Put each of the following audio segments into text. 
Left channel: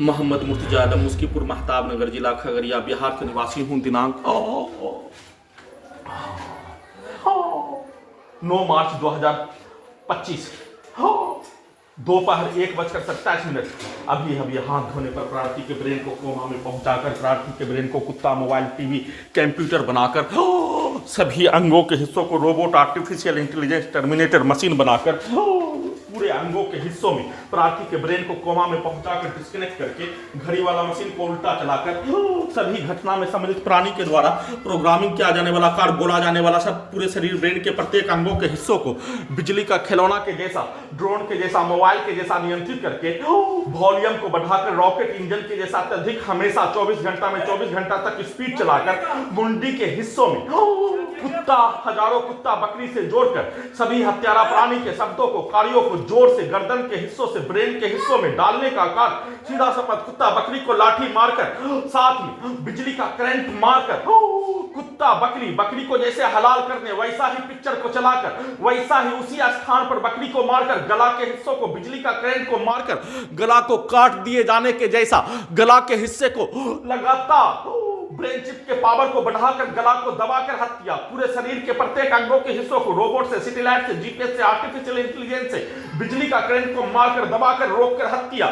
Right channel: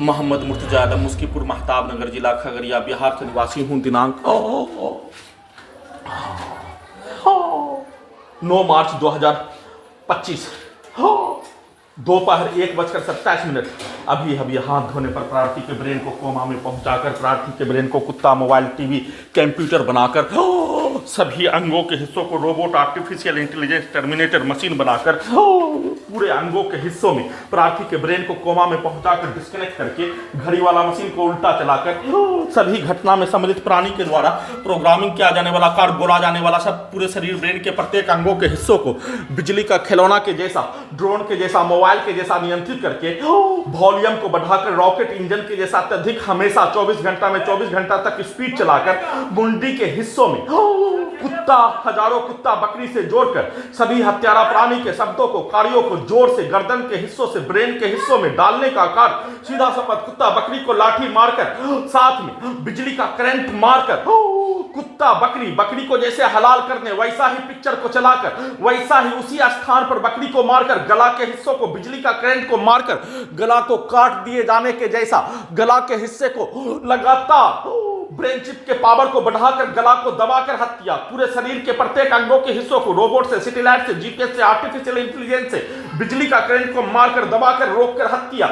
मोहम्मद मुर्तजा आलम, मुस्कीपुर महताब नगर, जिला खगड़िया, बिहार का निवासी हूँ। दिनांक 9 मार्च 2025 दोपहर 1:27। अभी हाथ धोने पर प्रार्थी के ब्रेन को कोमा में पहुंचाकर, प्रार्थी के ब्रेन को कुत्ता, मोबाइल, टीवी, कंप्यूटर बनाकर, सभी अंगों के हिस्सों को robot, artificial intelligence, terminator machine बनाकर, पूरे अंगों के हिस्सों में प्रार्थी के ब्रेन को कोमा में पहुंचाकर, डिस्कनेक्ट करके, घड़ी वाला मशीन को उल्टा चलाकर, सभी घटना में सम्मिलित प्राणी के द्वारा प्रोग्रामिंग किया जाने वाला, कार बोला जाने वाला सब पूरे शरीर, ब्रेन के प्रत्येक अंगों के हिस्सों को बिजली का खिलौना के जैसा, ड्रोन के जैसा, मोबाइल के जैसा नियंत्रित करके, वॉल्यूम को बढ़ाकर, रॉकेट इंजन के जैसा अत्यधिक हमेशा 24 घंटा में 24 घंटा तक स्पीड चलाकर, मुंडी के हिस्सों में कुत्ता, हजारों कुत्ता बकरी से जोड़कर सभी हत्यारा प्राणी के शब्दों को, कार्यों को जोर से गर्दन के हिस्सों से ब्रेन के हिस्सों में डालने का कार्य, सीधा शपथ कुत्ता बकरी को लाठी मारकर, साथ में बिजली का करंट मारकर, कुत्ता बकरी को जैसे हलाल करने वैसा ही पिक्चर को चलाकर, वैसा ही उसी स्थान पर बकरी को मारकर, गला के हिस्सों को बिजली का करंट को मारकर, गला को काट दिए जाने के जैसा, गला के हिस्से को लगातार ब्रेन चिप के पावर को बढ़ाकर, गला को दबाकर हत्या, पूरे शरीर के प्रत्येक अंगों के हिस्सों को रोबोट से, सैटेलाइट से, जीपीएस से, आर्टिफिशियल इंटेलिजेंस से, बिजली का करंट को मारकर, दबाकर, रोककर हत्या,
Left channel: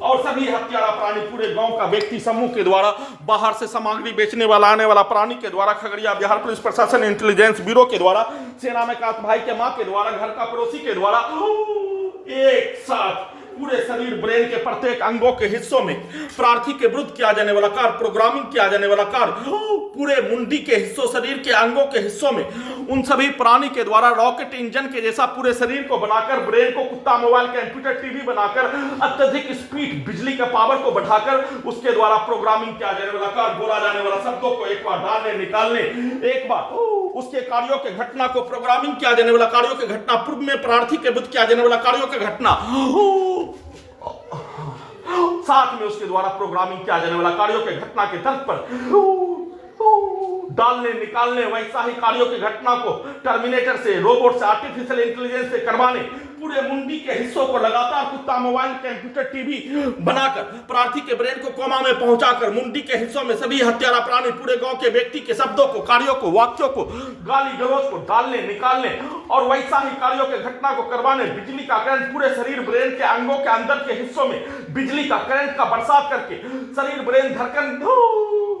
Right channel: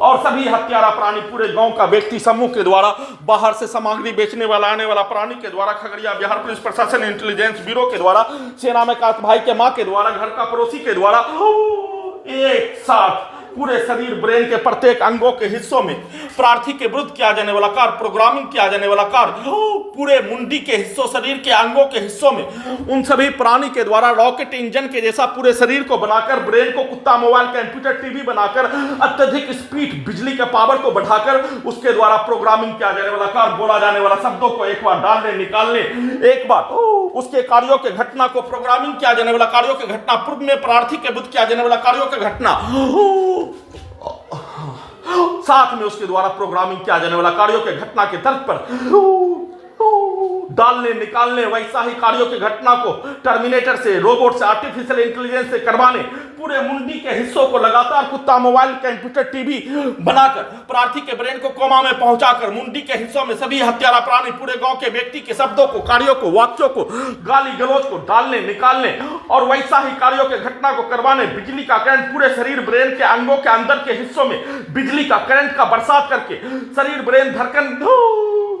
और सभी हत्यारा प्राणी पूरे गांव का व्यक्ति समूह के द्वारा, बाहर से सामग्री बेचने वाला, आने वाला प्राणी के द्वारा, खगड़िया बिहार पुलिस प्रशासन इंटेलिजेंस ब्यूरो के द्वारा, सेना में काश भाई के मां के द्वारा, घर का पड़ोसी के द्वारा, एक साथ पूरे शरीर, ब्रेन के प्रत्येक अंगों के हिस्सों में प्रार्थी के विरुद्ध किया जाने वाला कार्य, प्रोग्रामिंग किया जाने वाला कार्य, पूरे मुंडी के हिस्सों, शरीर के अंगों के हिस्सों में उन सभी प्राणी के द्वारा रॉकेट इंजन के जैसा पूरे शरीर को बनाकर, ब्रेन को कुत्ता, मोबाइल, कंप्यूटर, टीवी बनाकर, अत्यधिक स्पीड, बिजली के पावर को बढ़ाकर, उसके द्वारा प्रोग्रामिंग किया जाने वाला कार्य, बोला जाने वाला शब्दों को एक बार डालने निकालने, एक बार उसके कार्यों के घटना को, प्रोग्रामिंग किया जाने वाला कार्यों के घटना, पूर्व में प्रार्थी के विरुद्ध किया जाने वाला कार्यों के घटना, साथ में उसके द्वारा प्रोग्रामिंग किया जाने वाला कार्यों के घटना के तर्क पर डालने निकालने, वैसा ही कार्यों की घटना को टर्मिनेटर से, रोबोट से, आर्टिफिशियल इंटेलिजेंस से करवाने, पूरे मुंडी के हिस्सों को लगातार कुत्ता, मोबाइल, कंप्यूटर, टीवी बनाकर, प्रार्थी के ब्रेन को कोमा में पहुंचाकर, मुंडी के हिस्सों में सभी हत्यारा प्राणी, पूरे गांव के व्यक्ति के शब्दों को, कार्यों को, वाक्यों को, गाली गलौज को डालने निकालने, और वैसा ही कार्यों के घटना को करवाने, बिजली का करंट पूरे शरीर, ब्रेन के अंगों के अंदर के हिस्सों में बिजली का करंट का बरसात करके, शरीर, ब्रेन, धड़कन,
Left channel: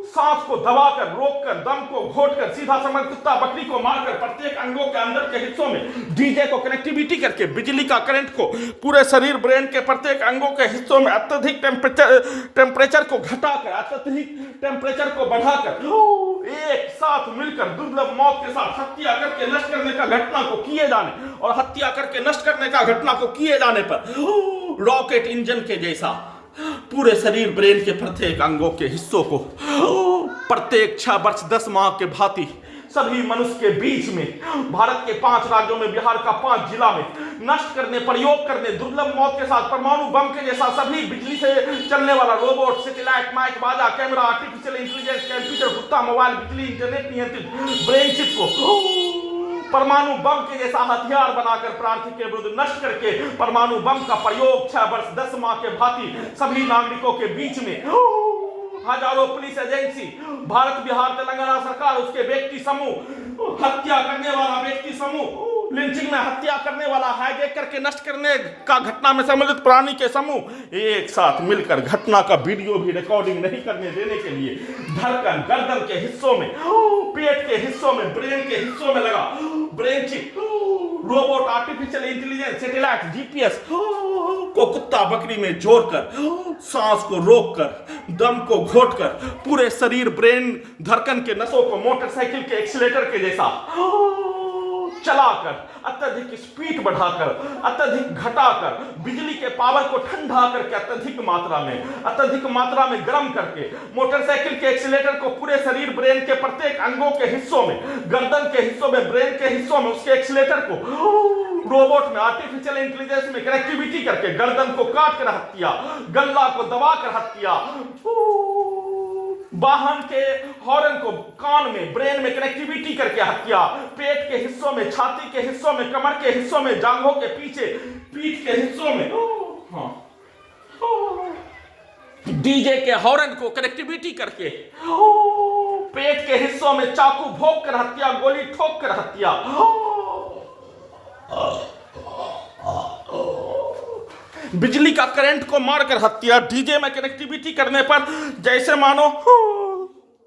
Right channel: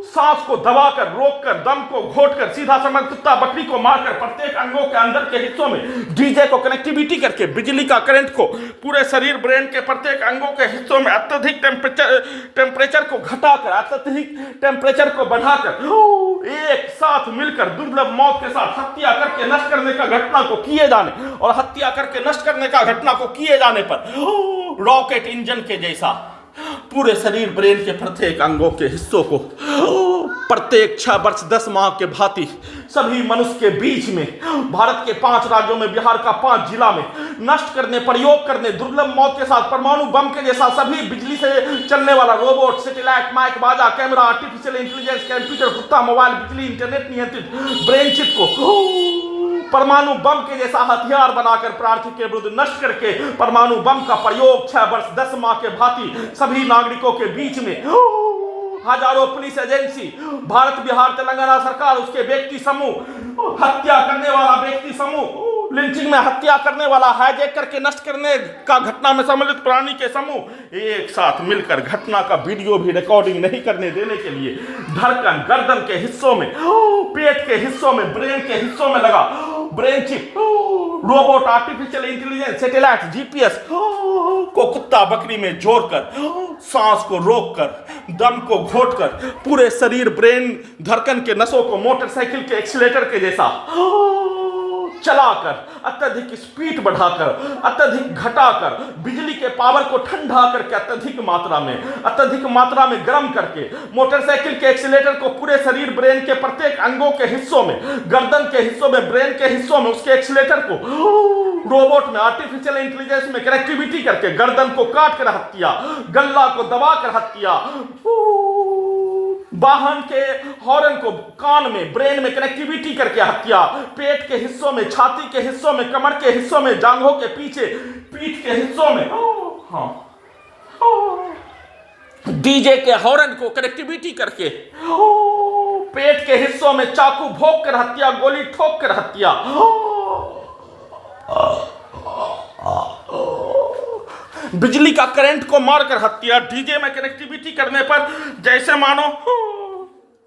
सांस को दबाकर, रोककर, दम को घोटकर, सीधा समय कुत्ता बकरी को मारकर, प्रत्येक अंगों के अंदर के हिस्सों में डीजे को कनेक्टिविटी करके, बिजली का करंट को पूरे शरीर, ब्रेन के प्रत्येक अंगों के हिस्सों में अत्यधिक टेम्परेचर को घटाकर, अत्यधिक टेम्परेचर को बढ़ाकर, एक साथ मिलकर दुर्लभ मौत के साथ हत्या करके नष्ट करने का घटना को किए जाने, और हत्या करके नष्ट करने का घटना को किए जाने पर रॉकेट इंजन के जैसा पूरे शरीर, ब्रेन के प्रत्येक अंगों के हिस्सों को प्रत्येक 6 वर्ष 10 माह के भांति सभी मनुष्य के बीच में, भारत के 5 राज्यों में, बिहार का 5 जिला में नष्ट करने, प्रयोग करने, दुर्लभ मौत के साथ, परमाणु बम के जैसा सभी बिजली से चलने वाला रोबोट, सैटेलाइट, माइक, बाजा, कैमरा, आर्टिफिशियल इंटेलिजेंस, कंप्यूटर, कुत्ता, मोबाइल, बिजली, इंटरनेट नियंत्रित ब्रेन चिप को परमाणु बम के जैसा हथियार बनाकर, प्रार्थी के विरुद्ध नष्ट करके, परमाणु बम का प्रयोग 6 वर्ष 10 माह के भांति सभी नागरिकों के बीच में, हजारों पुलिस एजेंसी, भारत, बिहार, तेलंगाना सरकार, उसके व्यक्ति समूह, हत्या करने वाला व्यक्ति समूह, लिंचिंग में हत्या करने वाला, हाईजैक करके नष्ट करने का घटना में सम्मिलित प्राणी के समूह एक साथ मिलकर घटना का वीडियो भी रिकॉर्डिंग नहीं करने देने के लिए, धड़कन, गर्दन के हिस्सों में, पेट के हिस्सों में, ब्रेन के हिस्सों में लगा brain chip, robot, artificial intelligence, satellite, GPS को कुत्ता बकरी में जोड़कर, सांस को रोककर, दम को घोटकर, पूरे शरीर, ब्रेन, धड़कन के नसों को मोटरसाइकिल के एक्सीलेटर के जैसा चलाकर, अत्यधिक स्पीड बढ़ाकर, अत्यधिक घटाकर, बिजली के पावर को ठंडा करके, अत्यधिक मात्रा में गर्म करके, मोटरसाइकिल के एक्सीलेटर को पूरे शरीर, ब्रेन के प्रत्येक अंगों के हिस्सों में, गर्दन के हिस्सों में, ब्रेन के हिस्सों में, उसके एक्सीलेटर को रोबोट में, आर्टिफिशियल इंटेलिजेंस में कनेक्टिविटी करके, गर्दन को काट कर हत्या, गला को दबाकर हत्या, वाहन के हॉर्न को कान में, ब्रेन में कनेक्टिविटी करके हत्या, पेट के हिस्सों में, छाती के हिस्सों में, कमर के हिस्सों में, जांघों के पीछे, पीठ के हिस्सों में, डीजे के हॉर्न को कनेक्टिविटी करके पेट के हिस्सों में चाकू भोंक कर हत्या, गोली ठोक कर हत्या। बिजली का करंट को मारकर हत्या। डीजे में कनेक्टिविटी करने पर जैसे मानो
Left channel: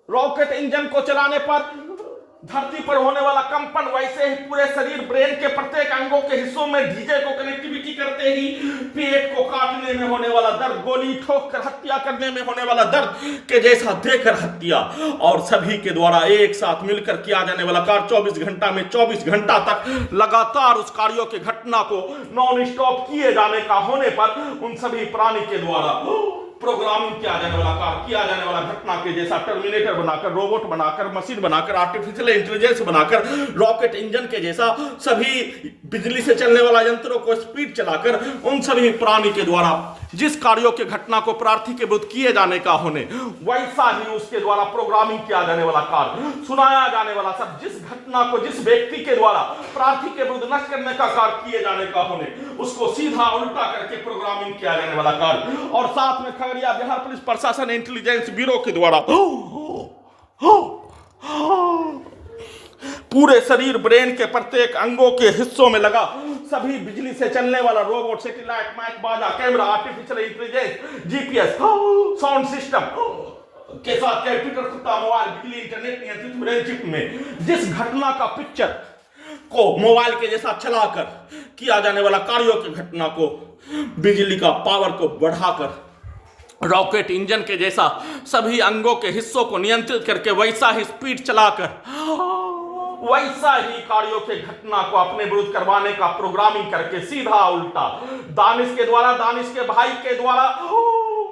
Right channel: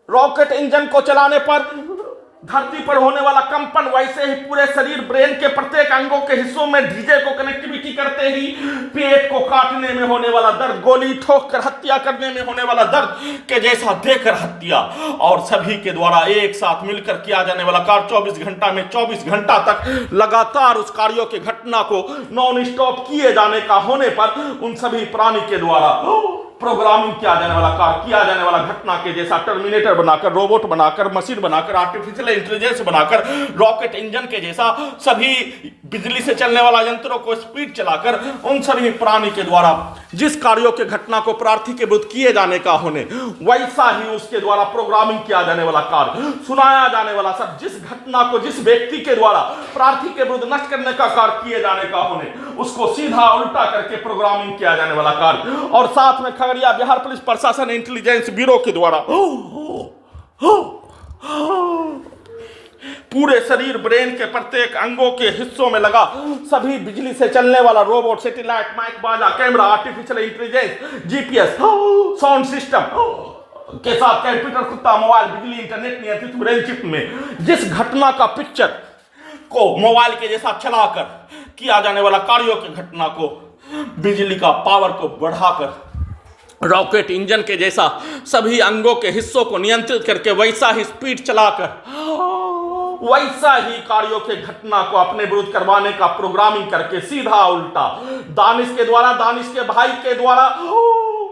रॉकेट इंजन को चलाने पर धरती पर होने वाला कंपन, वैसे ही पूरे शरीर ब्रेन के प्रत्येक अंगों के हिस्सों में डीजे को कनेक्टिविटी करते ही पेट को काटने में होने वाला दर्द, गोली ठोक कर हत्या करने में होने वाला दर्द के जैसा देकर हत्या। और सभी के द्वारा एक साथ मिलकर किया जाने वाला कार्य 24 घंटा में 24 घंटा तक लगातार उस कार्यों के घटना को नॉन स्टॉप किए जाने का होने पर उन सभी प्राणी के द्वारा प्रोग्रामिंग किया जाने वाला कार्य, किया जाने वाला घटना के जैसा टर्मिनेटर बनाकर, रोबोट बनाकर, मशीन बनाकर, आर्टिफिशियल इंटेलिजेंस बनाकर, रॉकेट इंजन के जैसा सभी बिजली से चलने वाला यंत्रों को स्पीड चलाकर उन सभी प्राणी के द्वारा जिस कार्यों के घटना को प्रार्थी के विरुद्ध किए जाने का होने, वैसा ही उसके द्वारा प्रोग्रामिंग किया जाने वाला कार्य, सुनाया जाने वाला सब, जिस घटना को जिस व्यक्ति के द्वारा प्रार्थी के विरुद्ध नष्ट करने का कार्य किए जाने का होने, उसको सीधा उल्टा करके प्रोग्रामिंग किया जाने वाला कार्य। और साथ में खगड़िया बिहार पुलिस प्रशासन इंटेलिजेंस ब्यूरो के द्वारा पूरे शरीर ब्रेन के प्रत्येक अंगों के हिस्सों में लगा सभी बिजली से चलने वाला रोबोट, सैटेलाइट, माइक, बाजा, camera, artificial intelligence, GPS, sound system के साथ कंप्यूटर, कुत्ता, मोबाइल, बिजली, इंटरनेट नियंत्रित ब्रेन चिप में जिस घटना का पिक्चर को मोबाइल के जैसा चलाकर किया जाने वाला कार्यों की घटना को बिजली का पावर को बढ़ाकर रॉकेट इंजन के जैसा सभी अंगों के हिस्सों को नियंत्रित करके वैसा ही स्पीड चलाकर वैसा ही कार्यों के घटना को अपने विरुद्ध करवाने का प्रोग्रामिंग करके सीधा उल्टा दानिश के द्वारा, दानिश के भाई के द्वारा,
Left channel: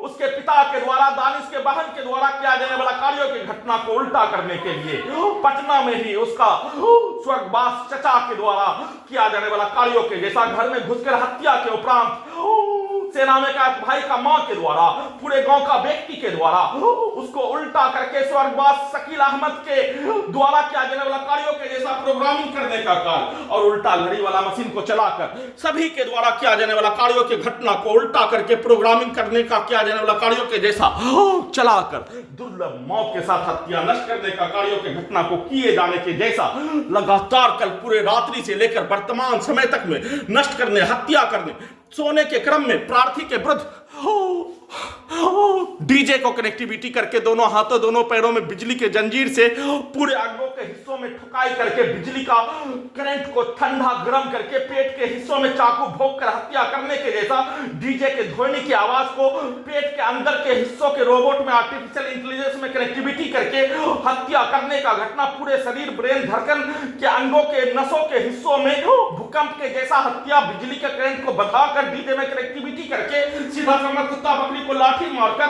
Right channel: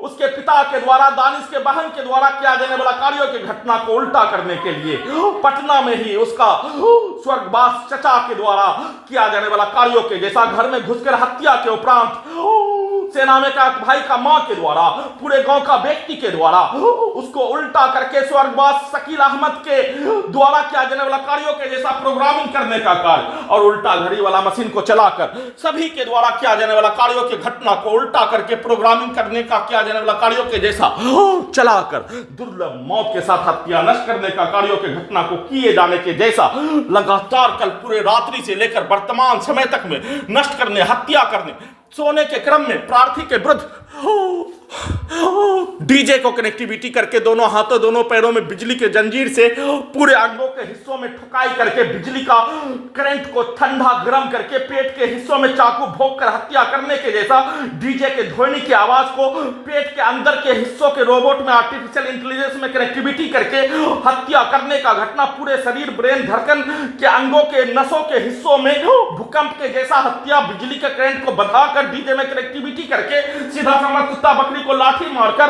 उसके पिता के द्वारा, दानिश के बहन के द्वारा किया जाने वाला कार्यों की घटना को उल्टा करने के लिए पटना में ही उसका स्वर्गवास चचा के द्वारा किया जाने वाला कार्यों के जैसा घर में घुसकर हत्या के उपरांत सेना में का भाई का मां के द्वारा, पूरे गांव का व्यक्ति के द्वारा उसको उल्टा करके स्वर्गवास शकील अहमद के द्वारा किया जाने वाला कार्यों के जैसा प्रोग्रामिंग करने का कार्य और उल्टा घड़ी वाला मशीन को चलाकर सभी के द्वारा किया जाने वाला कार्यों की घटना को उल्टा करके प्रोग्रामिंग करने का किया जाने वाला कार्यों के जैसा चलाकर दुर्लभ मौत के साथ हत्या नष्ट करने का कार्यों की घटना को किए जाने के जैसा लगातार कल पूरे रात्रि से लेकर वर्तमान समय तक में नष्ट करने, हत्या करने, सोने के क्रम में प्रार्थी के विरुद्ध डीजे को कनेक्टिविटी करके दोनों हाथों दोनों पैरों में बिजली के जंजीर से पूरे अंगों के हिस्सों में ठुकाई करके बिजली का करंट को ठंडा गर्म करके पेट के हिस्सों में चाकू भोंक कर हत्या करने के जैसा डीजे के ध्वनि की आवाज को पेट के अंदर के हिस्सों के रोबोट में आर्टिफिशियल इंटेलिजेंस में कनेक्टिविटी करके हत्या करने का घटना, पूरे शरीर ब्रेन धड़कन के अंगों के नसों के हिस्सों में भूकंप के जैसा हत्या, बिजली के करंट को बढ़ाकर डीजे में कनेक्टिविटी करके सीधा समझ कुत्ता बकरी को लाठी मारकर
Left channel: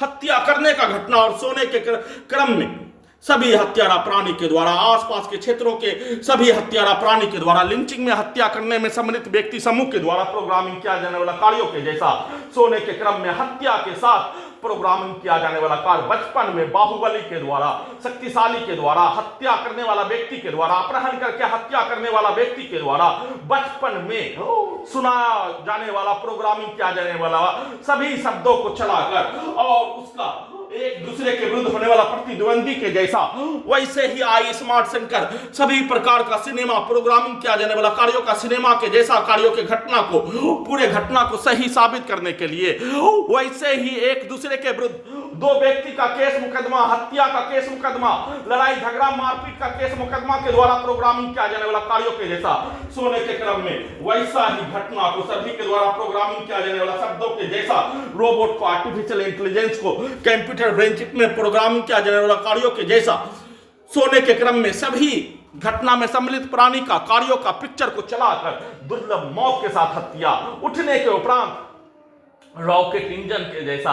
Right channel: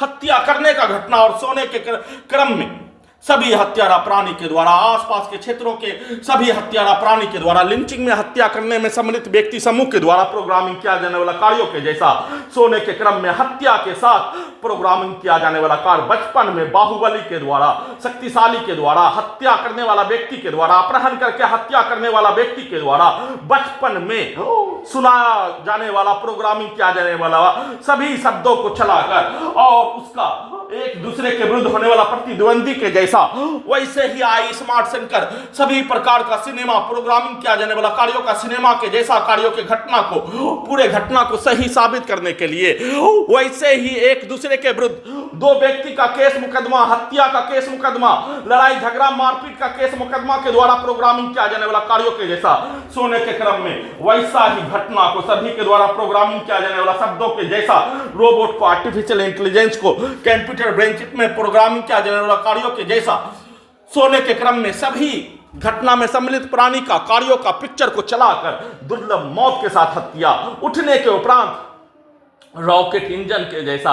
हत्या करने का घटना और सोने के क्रम में सभी हत्यारा प्राणी के द्वारा आसपास के क्षेत्रों के सभी हत्यारा प्राणी के द्वारा लिंचिंग में हत्या करने में सम्मिलित व्यक्ति समूह के द्वारा प्रोग्रामिंग किया जाने वाला कार्यों के जैसा सोने के क्रम में हत्या के साथ प्रोग्रामिंग किया जाने वाला कार्य बचपन में बाहुबली के द्वारा, शक्तिशाली के द्वारा, हत्या करने वाला व्यक्ति के द्वारा, अपहरण करके हत्या करने वाला व्यक्ति के द्वारा बचपन में सुनाया जाने वाला प्रोग्रामिंग किया जाने वाला सभी शब्दों को चलाकर और उसका एक दूसरे के विरुद्ध होने वाला प्रतिद्वंदी के जैसा वैसे ही आई स्मार्ट सेंकर सभी प्रकार का सिनेमा प्रोग्रामिंग किया जाने वाला कार्यों का सिनेमा के जैसा कार्यों के घटना को पूरे घटना को सही साबित करने के लिए वैसे ही एक दूसरे के विरुद्ध दो व्यक्ति का केस मुकदमा, हत्या का केस मुकदमा, लड़ाई झगड़ा मारपीट का केस मुकदमा के द्वारा प्रोग्रामिंग किया जाने वाला कार्यों के जैसा सोने के क्रम में वैसा ही घटना को सभी के द्वारा प्रोग्रामिंग किया जाने वाला शब्दों के जैसा रोबोट को, आर्टिफिशियल इंटेलिजेंस को कंप्यूटर ब्रेन चिप में प्रोग्रामिंग किया जाने वाला कार्यों के जैसा सोने के क्रम में सभी घटना में सम्मिलित प्राणी का कार्यों का पिक्चर को चलाकर दुर्लभ मौत के साथ हत्या, उठने के उपरांत रॉकेट इंजन के जैसा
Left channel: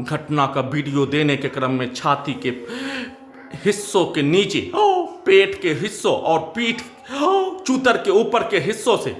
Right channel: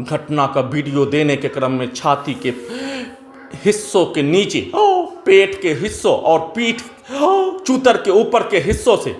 घटना का वीडियो देने के क्रम में छाती के हिस्सों के नीचे, पेट के हिस्सों और पीठ चूतर के ऊपर के हिस्सों से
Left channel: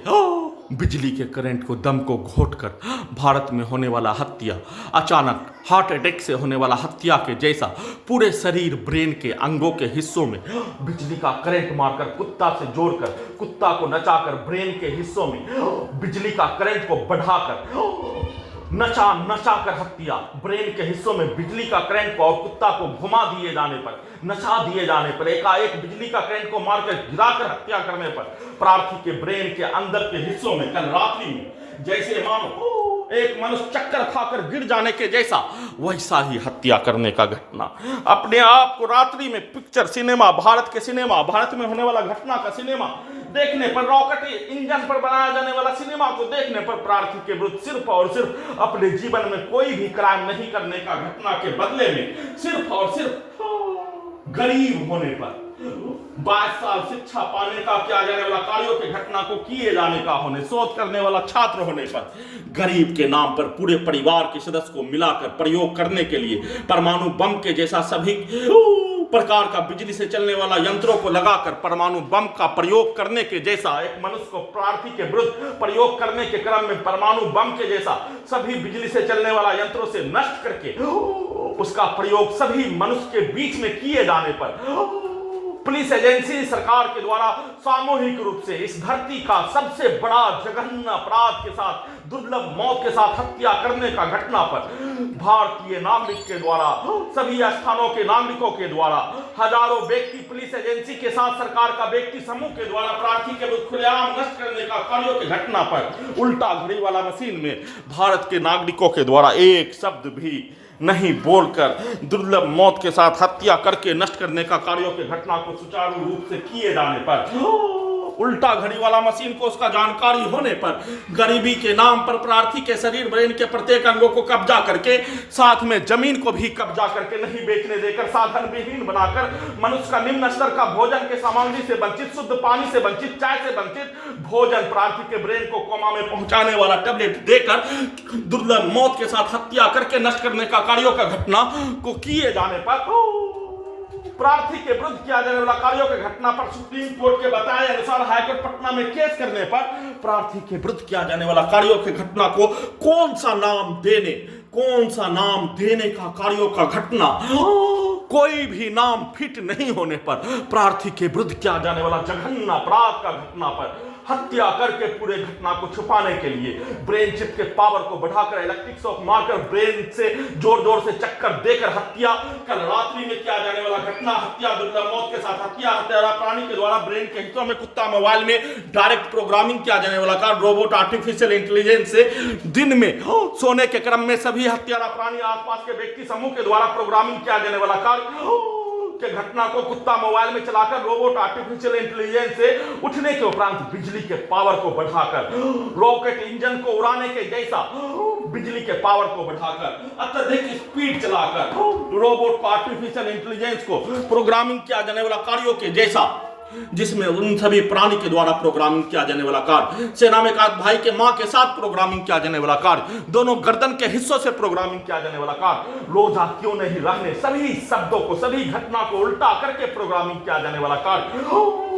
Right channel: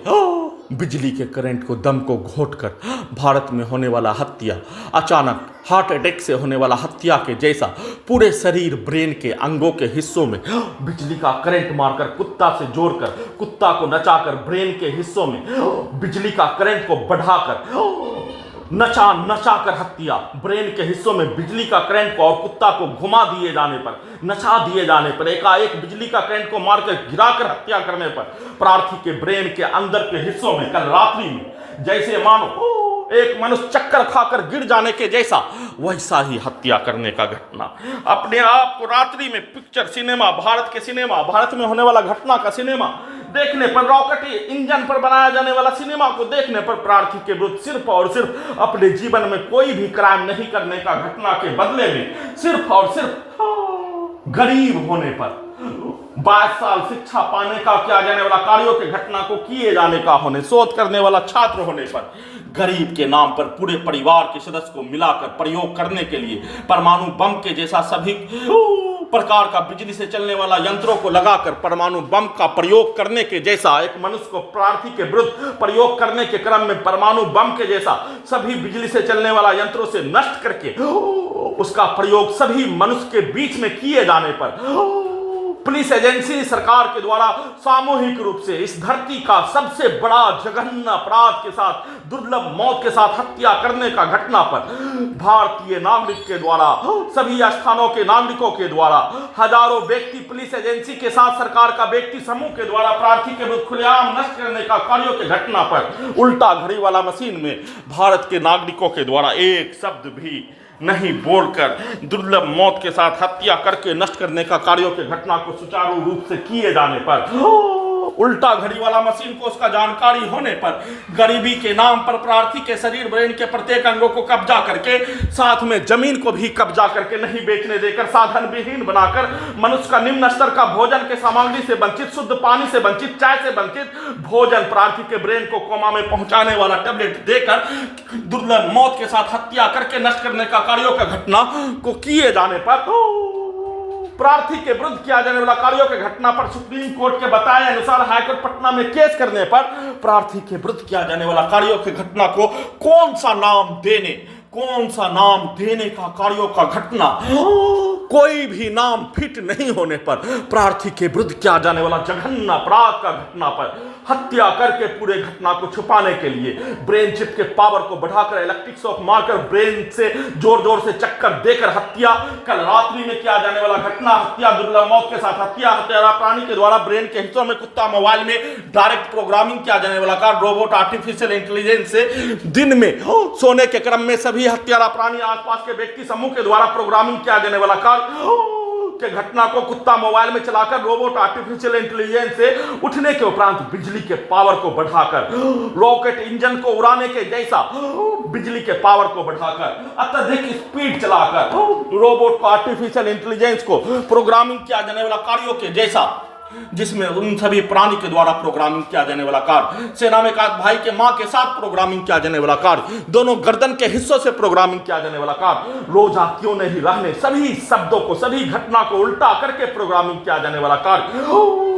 बिजली के करंट को दम को घोंटकर भारत में होने वाला हत्या, अचानक हार्ट अटैक से होने वाला हत्या के जैसा पूरे शरीर ब्रेन के अंगों के हिस्सों में बिजली का करंट मारकर कुत्ता से जोड़कर कुत्ता को नचाकर ब्रेन के हिस्सों में बिजली का करंट को बढ़ाकर नचा कर हत्या, ब्रेन के हिस्सों में बिजली का करंट को और कुत्ता को घुमा दिए जाने पर, नचा दिए जाने पर, एकाएक बिजली का करंट को मारकर गिराकर हत्या करने पर प्रार्थी के ब्रेन के अंदर के हिस्सों में कल रात्रि में जैसे मानो एक मनुष्य चक्कर खाकर गिर जाने के जैसा वैसा ही हत्या करने का घटना अपने आप को रात्रि में पिक्चर सिनेमा, भारत के सिनेमा, भारत में होने वाला घटना का सिनेमा देखने पर, रॉकेट इंजन पर बनाया जाने वाला सिनेमा को देखने पर प्रार्थी के विरुद्ध सिर्फ और सिर्फ अपने जीवन में कोई भी क्राइम नहीं करने का घटना के बदले में सिर्फ और सिर्फ गरीब होने पर 22 साल शिक्षा पाने का किया जाने वाला कार्यों के घटना को किए जाने का होने, शोध करने वाला छात्र होने पर गरीब के नाम पर पूरे परिवार के सदस्य को मिलाकर प्रयोग करने के लिए परमाणु बम के जैसा सभी प्रकार का बिजली से चलने वाला यंत्रों को लगाकर परमाणु बम का प्रयोग करने के जैसा एक मनुष्य को प्रार्थी के विरुद्ध प्रयोग करने के क्रम में परमाणु बम के जैसा सभी बिजली से चलने वाला यंत्रों से नष्ट करके उसका प्रयोग सभी मनुष्य के बीच में किए जाने पर पुलिस एजेंसी सरकार के द्वारा सामूहिक रूप से इस धरती का सबसे बड़ा जघन्य अपराध के साथ, दुर्लभ मौत के साथ हत्या करने का घटना पर भारतीय नागरिक के द्वारा, सभी स्थानों के नागरिकों के द्वारा, हजारों व्यक्ति पुलिस एजेंसी के साथ सरकार का व्यक्ति समूह के द्वारा प्रार्थी के विरुद्ध खुलेआम नष्ट करने का कार्यों के घटना पर उल्टा घड़ी वाला मशीन में भारत के नागरिकों के द्वारा एक शब्द भी नहीं बोलकर दुर्लभ मौत के साथ हत्या करके नष्ट करने का कार्यों के घटना को सुचारू रूप से किए जाने पर उल्टा घड़ी वाला मशीन को उसका जानकारी होने पर गरीबी के नाम पर प्रार्थी के शरीर ब्रेन के प्रत्येक अंगों को कब्जा करके साथ में जमीन को भी कब्जा करके नहीं बेचने देकर साधन विहीन बनाकर मनुष्य का निम्न स्तर का भोजन के सामग्री से वंचित, शुद्ध पानी से वंचित, चाय से वंचित भोजन, प्रार्थी के ब्रेन को कोमा में पहुंचाने वाला टैबलेट देकर दुर्लभ मौत के साथ हत्या करके नष्ट करने का कार्यों का घटना को किए जाने पर प्रार्थी के विरुद्ध किया जाने वाला कार्यों के घटना पर सुप्रीम कोर्ट के बताए अनुसार हाईकोर्ट पटना में केस करने पर प्रार्थी के विरुद्ध किया जाने वाला कार्यों के घटना को कौन सा नाम देने का कार्यों का घटना कोई भी नाम फिट नहीं होने पर प्रार्थी के विरुद्ध किया जाने वाला जघन्य अपराध का घटना पर हत्या करके पूरे घटना को छुपाने के लिए ब्रेन चिप के पावर को बढ़ाकर इलेक्ट्रिक शॉक मारकर ब्रेन से जोर से चक्कर देकर हत्या, कल रात्रि में किया जाने वाला घटना हत्या, दुर्लभ मौत के साथ हत्या, हत्यारा प्राणी के द्वारा ब्रेन के हिस्सों में कुत्ता मोबाइल में डायरेक्ट प्रोग्रामिंग किया जाने वाला कार्य, रोबोट आर्टिफिशियल इंटेलिजेंस से दिन में सोने के क्रम में सभी हत्यारा प्राणी आसपास के व्यक्ति समूह के द्वारा प्रोग्रामिंग किया जाने वाला कार्य के घटना को कुत्ता मोबाइल में चलाकर रोबोट आर्टिफिशियल इंटेलिजेंस से उठने के उपरांत बिजली के पावर को बढ़ाकर रॉकेट इंजन को उड़ाने के जैसा बिजली के पावर को बढ़ाकर अत्यधिक स्पीड चलाकर रोबोट को आर्टिफिशियल इंटेलिजेंस को प्रोग्रामिंग किया जाने वाला कार्यों के जैसा जिसमें उन सभी प्राणी के द्वारा प्रोग्रामिंग किया जाने वाला कार्य, सेना में का भाई के मां के साथ प्रोग्रामिंग किया जाने वाला कार्य, दोनों गर्दन के हिस्सों से प्रोग्रामिंग किया जाने वाला कार्य, रोजा क्यों नहीं रहने सभी शब्दों को, सभी घटना को उल्टा करके प्रोग्रामिंग किया जाने वाला कार्य,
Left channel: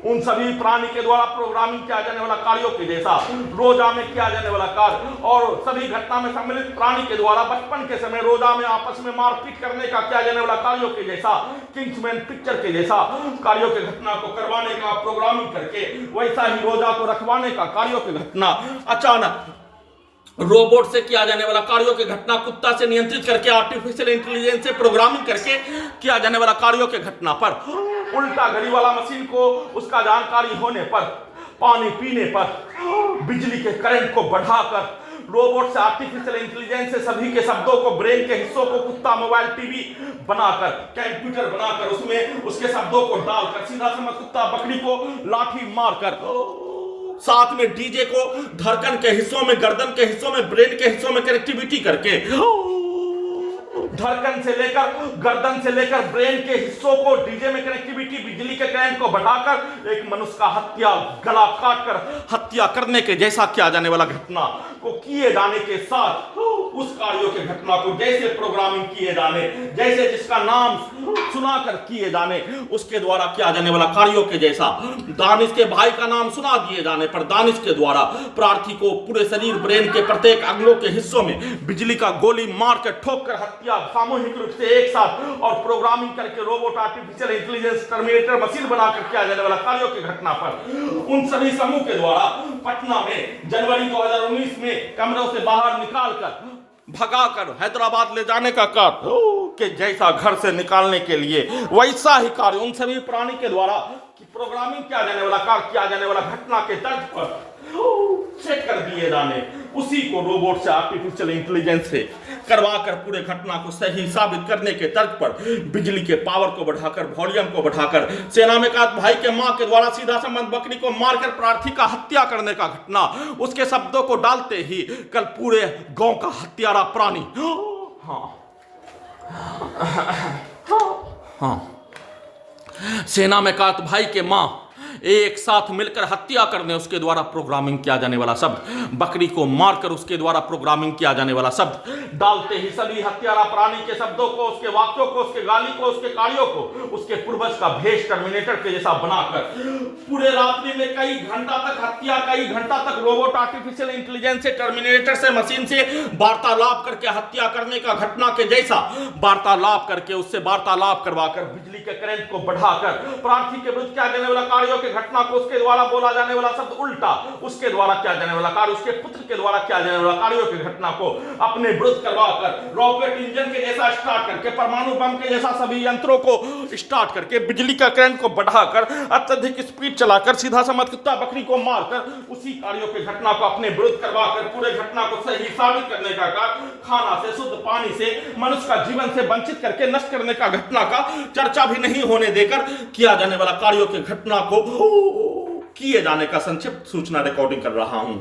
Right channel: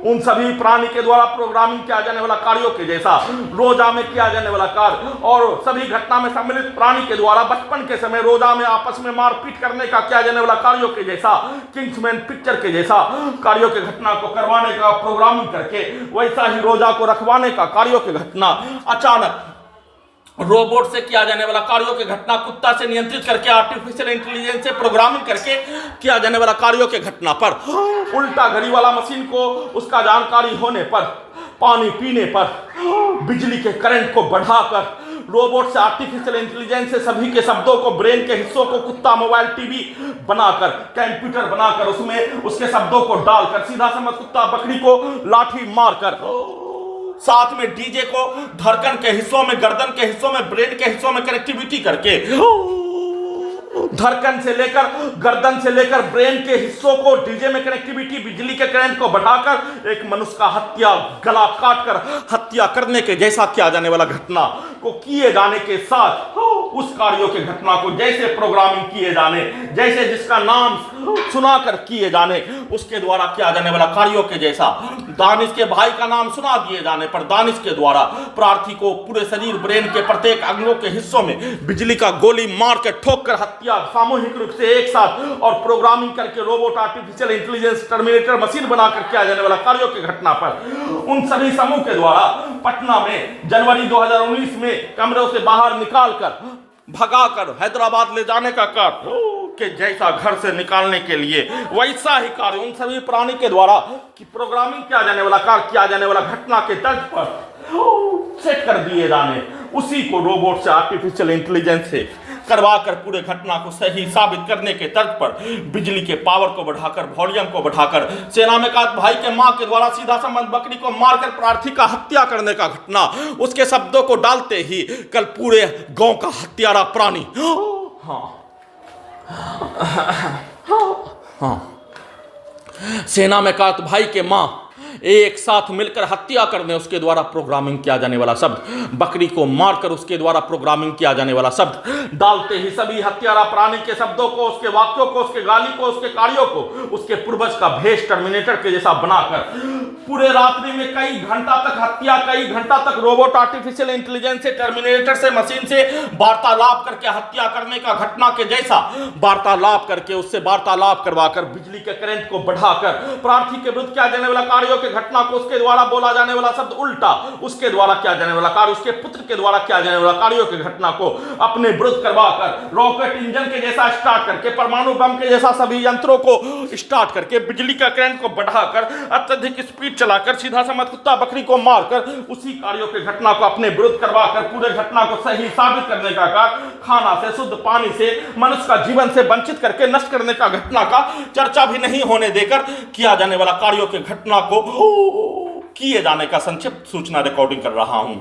उन सभी प्राणी के द्वारा प्रोग्रामिंग किया जाने वाला कार्यों के जैसा रोजा में किया जाने वाला कार्य और सभी घटना में सम्मिलित प्राणी के द्वारा बचपन के समय रोजा में आपस में मारपीट करने का किया जाने वाला कार्यों के जैसा, किंग्समैन पिक्चर के जैसा कार्यों के घटना को करवाने का प्रोग्रामिंग करके वैसा ही रोजा को रखवाने का कार्यों के घटना अचानक रोबोट से किया जाने वाला कार्यों के घटना कुत्ता से नियंत्रित करके आर्टिफिशियल इंटेलिजेंस से प्रोग्रामिंग करके किया जाने वाला कार्यों के घटना पर उल्टा घड़ी वाला मशीन को उसका जानकारी होने पर पानी पीने पर बिजली के करंट को बढ़ाकर रोबोट से आर्टिफिशियल इंटेलिजेंस से सभी के शब्दों को, ब्रेन के हिस्सों को कुत्ता मोबाइल टीवी बनाकर, कंप्यूटर बनाकर उसमें उसके शब्दों को डालकर सीधा समझ कुत्ता बकरी को लाठी मारकर साथ में डीजे को धड़कन के हिस्सों में, गर्दन के हिस्सों में, ब्रेन के हिस्सों में कनेक्टिविटी करके धड़कन से लेकर गर्दन से लेकर ब्रेन के हिस्सों को डीजे में कनेक्टिविटी, बिजली के करंट को बढ़ाकर एक मनुष्य का हत्या, गला काट कर हत्या करने के जैसा किया जाने वाला घटना को किए जाने के साथ उस कार्यों के घटना को जैसे प्रोग्रामिंग किए जाने, जैसे जिसका नाम सुनाकर किए जाने, उसके द्वारा किया जाने वाला कार्यों के जैसा दानिश के भाई का नाम सुना दिए जाने पर दानिश के द्वारा प्रार्थी को पूरे शरीर ब्रेन के प्रत्येक अंगों के हिस्सों में बिजली का गोली मार के ठोक कर हत्या सामूहिक रूप से एक साथ और प्रोग्रामिंग करके robot, artificial intelligence, terminator machine बनाकर किया जाने वाला कार्यों की घटना पर उन सभी समूह के द्वारा पटना में जनवरी 2019 में कमरों से बाहर निकालकर भगाकर हैदराबाद ले जाने का कार्य के जैसा घर से निकालने के लिए वैसा ही कार्य उन सभी प्राणी के द्वारा कि प्रोग्रामिंग किया जाने वाला कार्य किया जाने वाला घटना के तर्ज पर सेट कर दिए जाने, उसी को रोबोट से, आर्टिफिशियल इंटेलिजेंस से करवाकर पूरे घटना को सही साबित करने के तर्ज पर बिजली के पावर को बढ़ाकर, वॉल्यूम को बढ़ाकर सेना में का भाई के मां के द्वारा सीधा संबंध बकरी को मारकर प्रार्थी का हत्या करने का घटना, उसके शब्दों को डालते ही कल पूरे गांव का हत्यारा प्राणी सेना में का भाई के मां एक साथ मिलकर हत्या करने, उसके द्वारा प्रोग्रामिंग किया जाने वाला शब्द, बकरी को मारकर उसके द्वारा प्रोग्रामिंग किया जाने वाला शब्द डालते ही सभी हत्यारा प्राणी के शब्दों को, उसके वाक्यों को, उसके गाली को, उसके कार्यों को उसके पूर्वज का भेष टर्मिनेटर के जैसा बनाकर पूरे रात्रि में कई घंटा तक हत्या, कई घंटा तक रोबोट, आर्टिफिशियल इंटेलिजेंस से, टर्मिनेटर से, मशीन से वार्तालाप करके हत्या करने का घटना के जैसा वार्तालाप करके उससे वार्तालाप करवाकर बिजली के करंट को बढ़ाकर प्रार्थी के विरुद्ध किया जाने वाला कार्यों के घटना को, उसके द्वारा बोला जाने वाला शब्द उल्टा, उसके द्वारा किया जाने वाला कार्य, उसके पुत्र के द्वारा किया जाने वाला कार्यों की घटना को अपने विरुद्ध करवाकर रॉकेट इंजन के जैसा स्टार्ट करके, परमाणु बम के जैसा सभी यंत्रों को स्टार्ट करके, बिजली का करंट को बढ़ाकर, अत्यधिक स्पीड चलाकर, सीधा समझ कुत्ता बकरी को मारकर उसी कार्यों के घटना को अपने विरुद्ध करवाकर पूरे घटना को सही साबित करने का कार्य, खाना से, शुद्ध पानी से, मनुष्य का जीवन से वंचित करके नष्ट करने का घटना का चर्चा भी नहीं होने देकर किया जाने वाला कार्यों के घटना को किए जाने का संक्षिप्त सूचना रिकॉर्डिंग कर रहा हूं।